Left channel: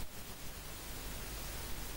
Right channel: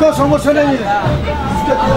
कोई समस्या नहीं है।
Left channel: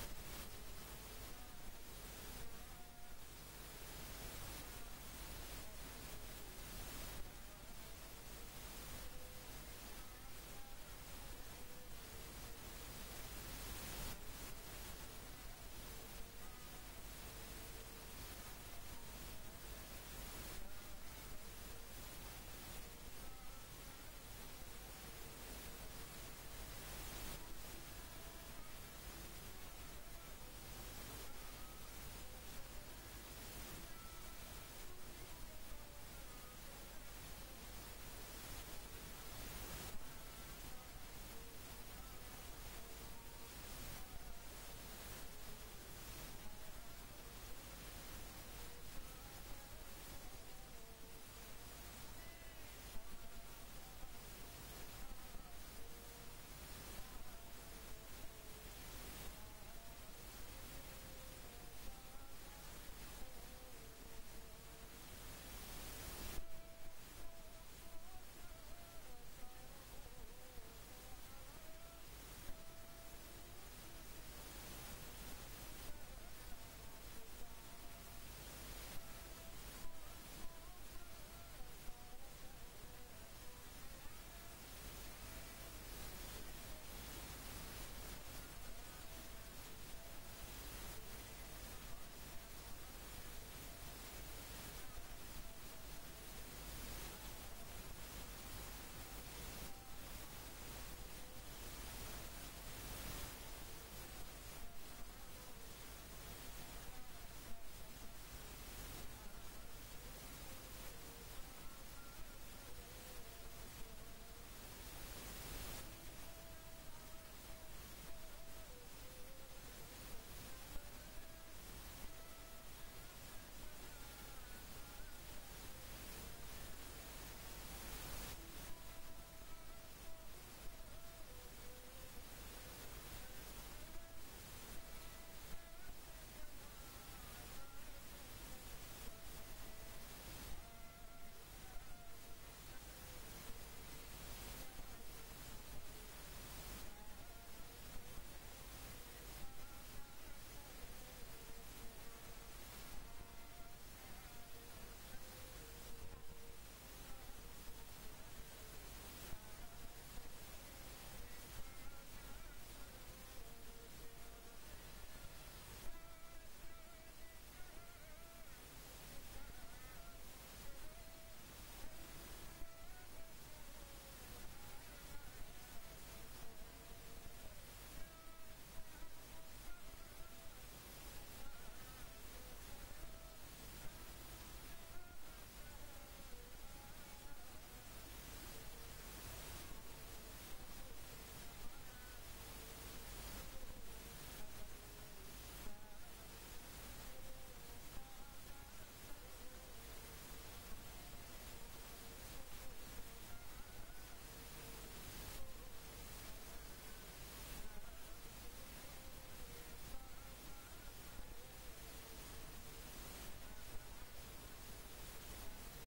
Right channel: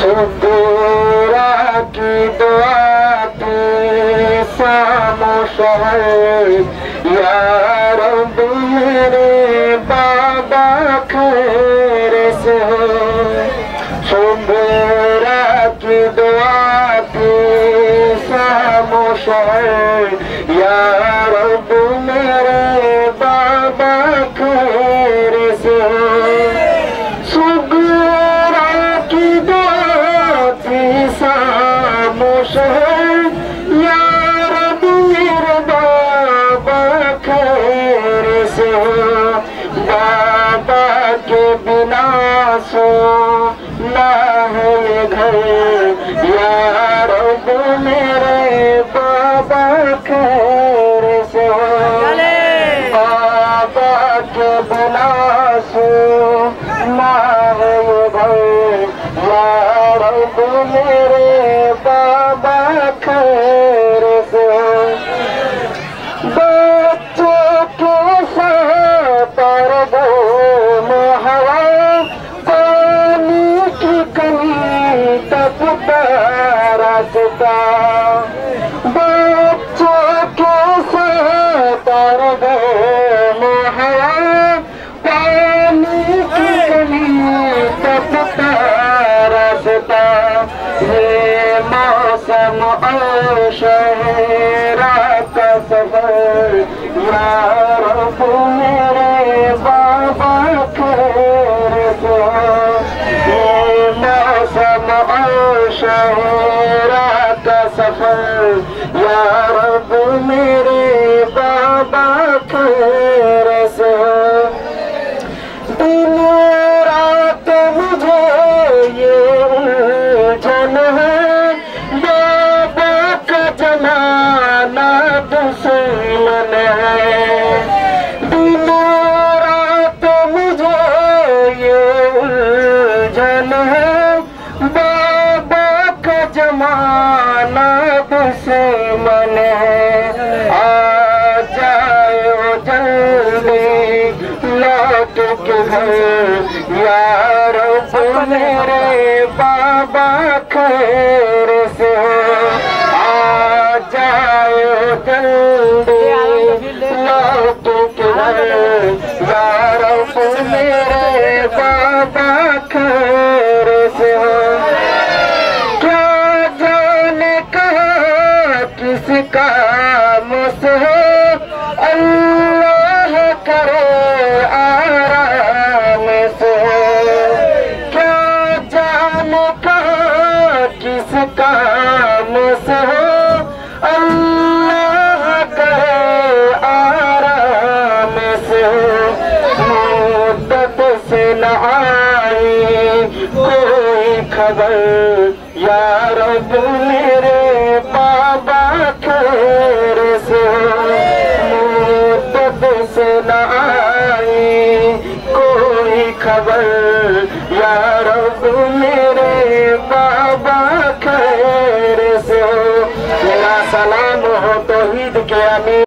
सुदूरा की दुआ या रब मेरे बाबा खैर से सुबेरा की दुआ की खामोश या रब मेरे बाबा खैर से सुबेरा की दुआ की खामोश ना है घर या रब मेरे बाबा खैर से बाबा के बिना ना है घर या रब मेरे बाबा खैर से बच्चों के साथ पर बच्चों के साथ पानी की कमी तपता रास्ता ये मौसम और शहरा का सफर या रब मेरे बाबा खैर से ये मौसम और शहरा सफर या रब मेरे बाबा खैर से दिन रात मुझे ये उलझन है बाबा का जमाना दुश्मन है दिन रात मुझे ये उलझन है बाबा का जमाना दुश्मन है आ जाओ जल्दी लौट के घर या रब मेरे बाबा खैर से आ जाओ जल्दी लौट के घर या रब मेरे बाबा खैर से किसका मुझसे अल्लाह करे आराम से क्या जान कहाँ किसका मुझसे अल्लाह करे आराम से मुद्दत से न आई कोई खबर या रब मेरे बाबा खैर से मुद्दत से न